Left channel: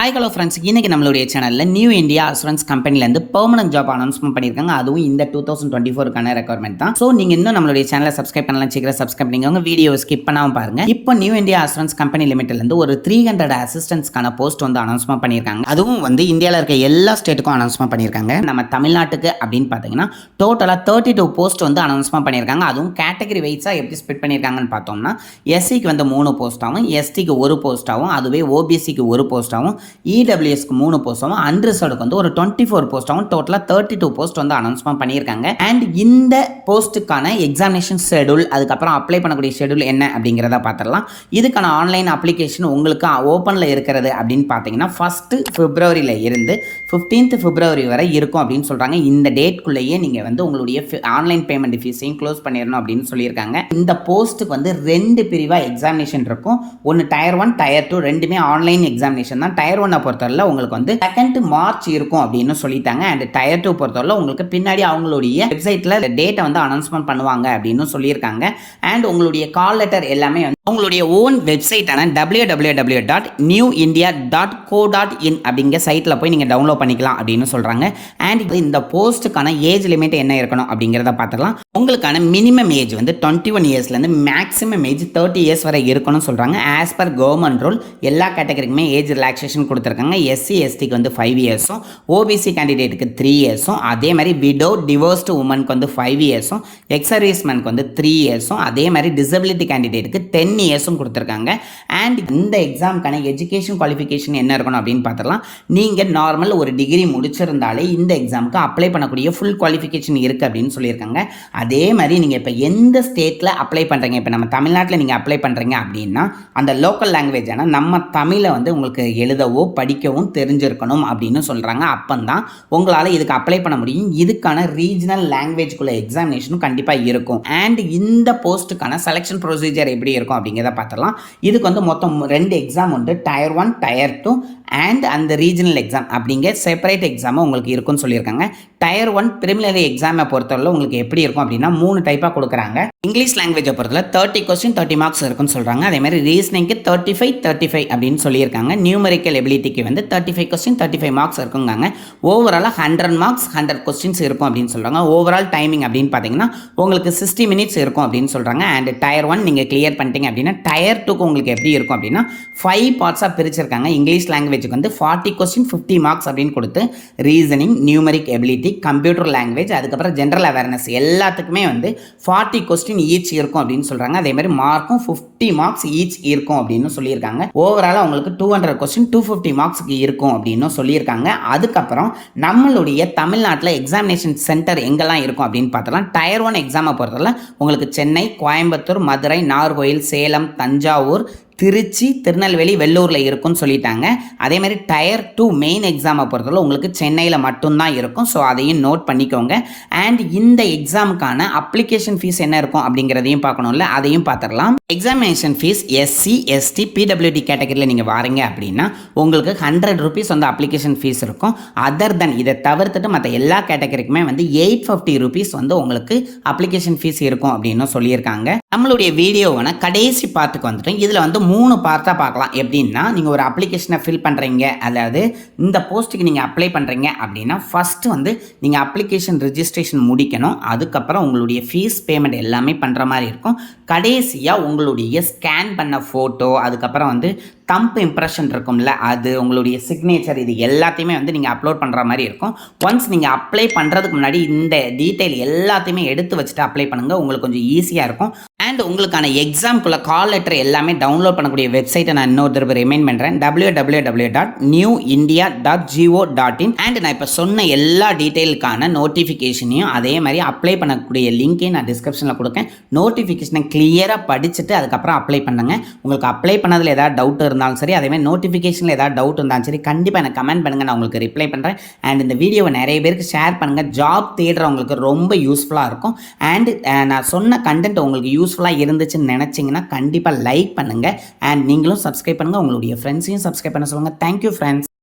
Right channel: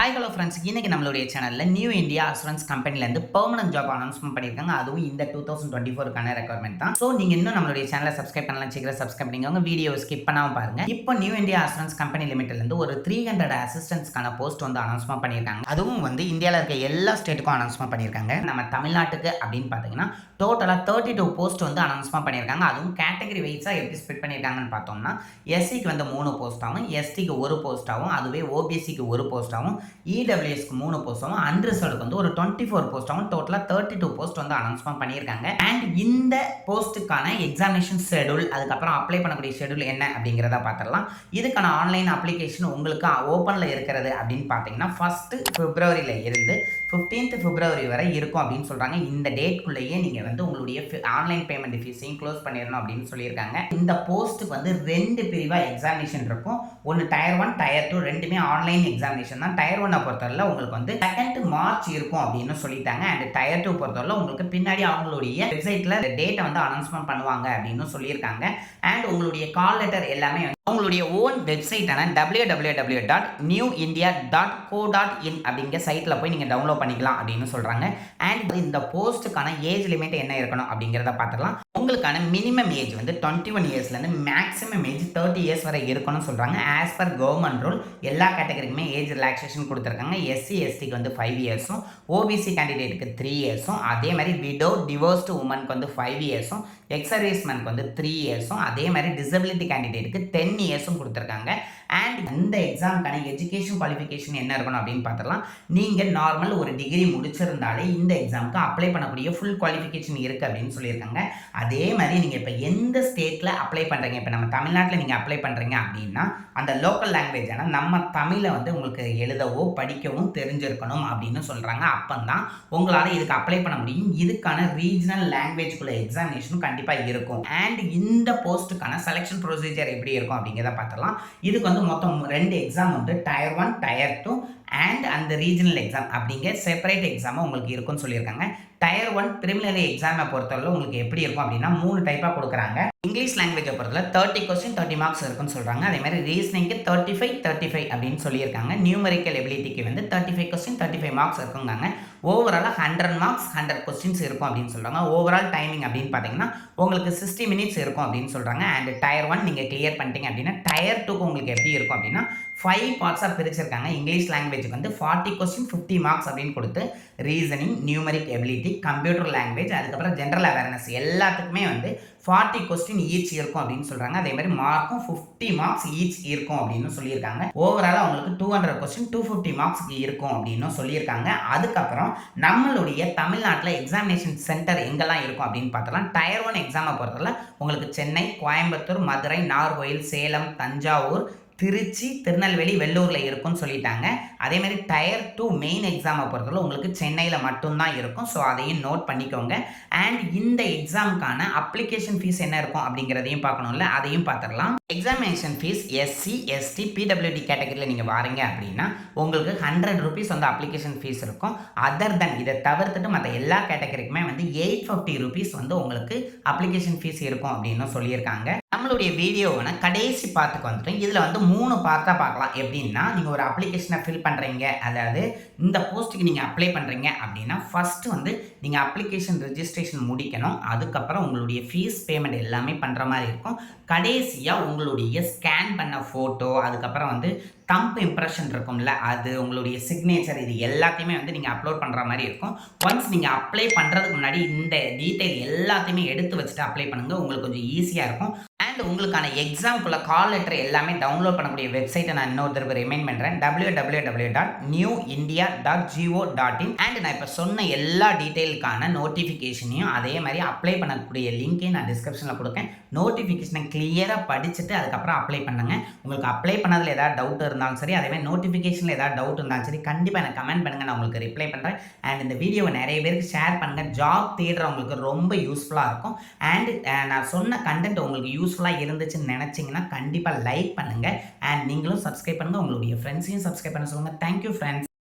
Hi hello friends, இன்னைக்கு நம்மளுடைய சேனலில் நியூ இந்தியா அசூரன்ஸ் கம்பெனிலேருந்து பெர்மனன்ட் ஜாப் அனௌன்ஸ்மெண்ட் பண்ணியிருக்காங்க. அதுவும் இந்த 2024க்கான ரெக்யர்மெண்ட் தான். ஸோ நீங்கள் இன்னும் நம்மளுடைய சேனலை சப்ஸ்கிரைப் பண்ணலாம், சீக்கிரம் சப்ஸ்கிரைப் பண்ணிக்கோங்க. வீடியோ ஸ்கிப் பண்ணாமல் பாருங்க. இப்போ நியூ இந்தியா அசூரன்ஸ் கம்பெனி லிமிட்லேருந்து ஒரு 300 அசிஸ்டன்ட்ஸ்க்கான போஸ்ட் வந்து அனௌன்ஸ்மெண்ட் பண்ணியிருக்காங்க. அதுவும் வந்து இந்தியாவில் இருக்க எல்லா ஸ்டேட்டுக்கும் அனௌன்ஸ்மெண்ட் பண்ணியிருக்காங்க. நம்ம தமிழ்நாட்டுக்கு அப்படின்னு பார்த்தீங்கன்னா டோட்டலாக 32 போஸ்ட் வந்து அனௌன்ஸ்மெண்ட் பண்ணியிருக்காங்க. அதுவும் கேட்டகரி வைஸாக எப்படி ஸ்பிட் பண்ணியிருக்காங்கன்னு பார்த்தோம்னா எஸ்சிக்கு வந்து 3 போஸ்ட்டாகவும், எஸ்டிக்கு 1 போஸ்ட்டாகவும், அதுவே ஓபிசிக்கு 1 போஸ்ட்டாகவும், இடபிள்யூஎஸ்க்கு 3 போஸ்ட்டாகவும், அன்ரிசர்வ்டுக்கு வந்து ஒரு 24 போஸ்ட்டாகவும் டோட்டலாக 32 போஸ்ட் வந்து அனௌன்ஸ்மெண்ட் பண்ணியிருக்காங்க. அண்ட் இந்த போஸ்ட்டுக்கான எக்ஸாமினேஷன் ஷெடியூல், அதுக்கப்புறம் அப்ளை பண்ணக்கூடிய ஷெடியூல் என்ன அப்படிங்கிறத பார்த்துடலாம். இதுக்கான ஆன்லைன் அப்ளிகேஷன் உங்களுக்கு ஓப்பனில் இருக்கிறது அப்படின்னு பார்த்தீங்கன்னா 1 பிப்ரவரியில் இருந்து 15 பிப்ரவரி வரை இருக்கும் அப்படின்னு சொல்கிறாங்க. இந்த டேட்குள்ளேயே நீங்கள் வந்து உங்களுடைய ஆன்லைன் பேமெண்ட் ஃபீஸையும் க்ளோஸ் பண்ணிடணும் அப்படின்னு சொல்லியிருக்காங்க. இந்த போஸ்ட்டுக்கு வந்து 2 பிரிவாக எக்ஸாமினேஷன் இருக்கும். ஒன்று டயர் 1, டயர் 2 ரெண்டுமே ஆன்லைன் எக்ஸாமினேஷன் தான். டயர் 1 பொறுத்தவரை உங்களுக்கு வந்து 2 மார்ச் இருக்கும் அப்படின்னு சொல்லிட்டாங்க. அண்ட் டயர் 2 பொறுத்தவரை உங்களுக்கு பின்னாடி அவங்களுடைய வெப்சைட்ல டேட்டை வந்து அனௌன்ஸ்மெண்ட் பண்ணுவாங்க அப்படின்னு சொல்லியிருக்காங்க. அண்ட் உங்களுடைய கால் லெட்டர் எல்லாமே உங்களுடைய ஓன் வெப்சைட்டான www.newindia.co.in அப்படிங்கிற சைட்டில் போய் நீங்கள் டவுன்லோட் பண்ணிக்கலாம் அப்படின்னு சொல்கிறாங்க. அண்ட் இந்த போஸ்ட்டுக்கான ஏஜ் லிமிட் என்ன இருக்கணும் அப்படிங்கிறத பார்த்துக்கலாம். உங்களுக்கான மினிமம் ஏஜ் வந்து 21 இயர்ஸ்லேருந்து மேக்ஸிமம் ஏஜ் 30 இயர்ஸ் வரை இருக்கணும்னு சொல்கிறாங்க. ஆஸ் பர் கவர்மெண்ட் ரூல் எல்லா கேட்டகரிக்குமே ஏஜ் ரிலாக்ஸேஷன் கொடுத்துருக்காங்க. எஸ்சி எஸ்டிக்கு வந்து 5 இயர்ஸும், ஓபிசி கேண்டிடேட்டுக்கு 3 இயர்ஸும், அதே மாதிரி விடோ டிவோர்ஸ்டு உமனுக்கு வந்து 5 இயர்ஸும், எக்ஸ் சர்வீஸ்மேனுக்கு வந்து 3 இயர்ஸும், அதே மாதிரி டிசபிலிட்டி கேண்டிடேட்டுக்கு 10 இயர்ஸும் கொடுத்துருக்காங்க. அண்ட் இந்த எக்ஸாமுக்கான எஜுகேஷன் குவாலிஃபிகேஷன் என்ன இருக்கணும் அப்படின்னு பார்த்துடலாம். நீங்கள் நார்மல் ஒரு டிகிரி முடிச்சிருந்தாலே இந்த எக்ஸாமுக்கு அப்ளை பண்ணக்கூடிய ஃபுல் குவாலிஃபிகேஷன் இருக்குது அப்படின்னு சொல்லியிருக்காங்க. அதே மாதிரி நீங்கள் இப்போ எந்த ஸ்டேட்டில் அப்ளை பண்ணுறீங்க, இப்போ நம்ம தமிழ்நாட்டில் நீங்கள் அப்ளை பண்ணுறீங்க அப்படின்னா அந்த லோக்கல் லாங்குவேஜான நம்ம தமிழை வந்து உங்களுக்கு எழுதவோ படிக்கவும் தெரிஞ்சிருக்கணும் அப்படின்னு சொல்கிறாங்க. அப்போதான் உங்களால் இதுக்கு அப்ளை பண்ண முடியும். இதுக்கான ரீஜனல் லாங்குவேஜ்குள்ள எக்ஸாமினேஷனும் கண்டிப்பாக இருக்கும். அண்ட் இந்த போஸ்ட்டுக்கான செலெக்ஷன் ப்ரொசீஜர் எப்படி இருக்கும் அப்படிங்கிறத பார்த்துடலாம். இதுக்கு வந்து மொத்தம் 2 எக்ஸாம் உண்டு. டயர் 1, டயர் 2 அண்ட் அந்த ரீஜனல் எக்ஸாம் அப்படிங்கிற செப்பரேட் எக்ஸாமும் உங்களுக்கு இருக்குன்னு சொல்லியிருக்காங்க. டயர் 1 ப்ரிலிமினரி எக்ஸாமை பொறுத்தவரை உங்களுக்கு எப்படி இருக்கும் அப்படின்னா 3 டைப்பாக கொடுக்குறாங்க. இங்கிலீஷ் லாங்குவேஜை பொறுத்தவரை 30 கொஸ்டின் 30 மார்க்ஸ் இருக்குன்னு சொல்கிறாங்க. அதே மாதிரி ரீசனிங்க்கு 35 அப்படின்னு சொல்லியிருக்காங்க. நியூமரிக்கல் எபிலிட்டிக்கு வந்து 35 கொஸ்டின் 35 மார்க்ஸ் இருக்குங்காங்க. ஓவராலாக 100 மார்க்ஸ் 100 கொஸ்டின்ஸ் இருக்கும் அப்படின்னு சொல்கிறாங்க. ஓவரால் டைமிங் அப்படின்னு பார்த்தீங்கன்னா உங்களுக்கு 60 மினிட்ஸ் இருக்கும் அப்படின்னு சொல்கிறாங்க. அண்ட் டயர் 1 நீங்கள் கிளியர் பண்ணிட்டீங்க அப்படின்னா டயர் 2க்கு உங்களுக்கு எப்படி இருக்கும் அப்படின்னா 5 பார்ட்ஸாக பிரிச்சிருக்காங்க. இங்கிலீஷ் லாங்குவேஜ் வந்து 40 கொஸ்டின் 50 மார்க்ஸ் அப்படின்னு கொடுத்து reasoning, numeric ability, computer language, அதுக்கப்புறம் ஜென்ரல் அவேர்னஸ் எல்லாத்துக்குமே வந்து 40 கொஸ்டின் ஈச் இருக்கும் அப்படின்னு சொல்றாங்க. அதே மாதிரி மார்க்கும் 50 மார்க்ஸ் ஈச் இருக்கும் அப்படின்னு சொல்லியிருக்காங்க. ஓவராலாக உங்களுக்கு 200 கொஸ்டின் 250 மார்க்ஸ்க்கு இருக்கும் அப்படின்னு சொல்லியிருக்காங்க. அதுக்கப்புறம் நம்மளுடைய தமிழ்நாட்டில் எக்ஸாமினேஷன் சென்டர் எங்கெல்லாம் இருக்கும் அப்படின்னு பார்த்தலாம். டயர் 1 எக்ஸாமை பொறுத்தவரை உங்களுக்கு சென்னை, கோயம்புத்தூர், மதுரை, நாகர்கோயில், சேலம், தஞ்சாவூர், திருச்சி, திருநெல்வேலி, வெள்ளூரில் இருக்குன்னு சொல்லிட்டாங்க. அதே மாதிரி டயர் 2 மெயின் எக்ஸாமை பொறுத்தவரை உங்களுக்கு சென்னையில் மட்டும்தான் இருக்கும். ஸோ அதையும் நோட் பண்ணிக்கோங்க. அண்ட் இந்த எக்ஸாமுக்கான அப்ளிகேஷன் ஃபீஸ் என்ன இருக்கும் அப்படிங்கிறதையும் பார்க்கணும்ல, அதையும் பார்த்துடலாம். Examination fees SC, ST, PWD கேட்டகரியில் நீங்கள் வாரீங்க அப்படின்னா உங்களுக்கு 100 ரூபீஸ் வந்து அப்ளிகேஷன் ஃபீஸ் இருக்கும். அதர் தென் இதை தவிர்த்துட்டு மற்ற எல்லா கேட்டகரிக்குமே வந்து 850 ரூபீஸ் வந்து உங்களுக்கு அப்ளிகேஷன் ஃபீஸ் இருக்கும் அப்படின்னு சொல்லியிருக்காங்க. நம்மளுடைய வீடியோவை கடைசி பார்த்துக்கு வந்துட்டு இதில் வந்து 3 பார்ட்டாக பார்க்கலாம். எப்படின்னா நீங்கள் ஒரு அப்ளிகேஷனை ஃபில் பண்ணுறீங்க, அதாவது இந்த போஸ்ட்டுக்கு நீங்கள் அப்ளை பண்ணுறீங்க அப்படின்னா ஃபஸ்ட்டு வந்து நீங்கள் அப்ளிகேஷன் ரெஜிஸ்ட்ரேஷன் முடிக்கணும். அதுக்கப்புறம் உங்களுடைய ஃபீஸ் பேமெண்ட் எல்லாமே பண்ணுற மாதிரி இருக்கும். கடைசியாக உங்களுடைய ஸ்கேன் பண்ண ஃபோட்டோ, அதுக்கப்புறம் வந்து தம்ப் இம்ப்ரெஷன் இருக்கும்ல, அது உங்களுடைய சிக்னேச்சர், இது எல்லாத்தையுமே வந்து நீங்கள் அப்லோட் பண்ணுற மாதிரி இருக்கும். ஒன்ஸ் நீங்கள் அப்ளை பண்ணுறதுக்கு முன்னாடி இந்த டீட்டெயில் எல்லாத்தையுமே எடுத்து வச்சுட்டு அப்ளை பண்ணுங்கள், உங்களுக்கு கொஞ்சம் ஈஸியாக இருக்கும். அண்ட் உங்களுக்கான எக்ஸாம்குள்ள கால் லெட்டர் எல்லாமே டவுன்லோட் பண்ணக்கூடிய வெப்சைட்டை நான் இன்னொரு தடவை ரிமைண்ட் பண்ணுறேன். www.newindia.go.in. அண்ட் நான் இப்போ சொன்ன எல்லா டீட்டெயிலுக்கான நோட்டிஃபிகேஷனையும் அதே மாதிரி அப்ளை பண்ணக்கூடிய லிங்க்கையும் நான் டிஸ்கிரிப்ஷனில் கொடுக்கேன். நோட்டிஃபிகேஷனை கிளியராக படிச்சுட்டு அதுக்கப்புறம் அப்ளை பண்ணுங்க. உங்களுக்கு அப்ளை பண்ணதில் ஏதாவது டவுட் இருந்தாலும் சரி, அதே மாதிரி நோட்டிஃபிகேஷனில் ஏதாவது டவுட் இருந்தாலும் சரி, கண்டிப்பாக எனக்கு கமெண்ட் பண்ணுங்கள், நான் உங்களுக்கு ரிப்ளை பண்ணுறேன். அண்ட் இந்த வீடியோவை நிறைய பேருக்கு ஷேர் பண்ணுங்கள். ஜாப் தேடுறவங்களுக்கு ரொம்ப யூஸ்ஃபுல்லாக இருக்கும். அண்ட் நான் சொன்ன கண்டென்ட் உங்களுக்கு யூஸ்ஃபுல்லாக இருந்துச்சுன்னு நினச்சிங்கன்னா கண்டிப்பாக லைக் பண்ணுங்கள். அண்ட் நீங்களும் சப்ஸ்கிரைப் பண்ணுங்கள், உங்களுடைய ஃப்ரெண்ட்ஸையும் சப்ஸ்கிரைப் பண்ண சொல்லுங்கள். Thank you friends.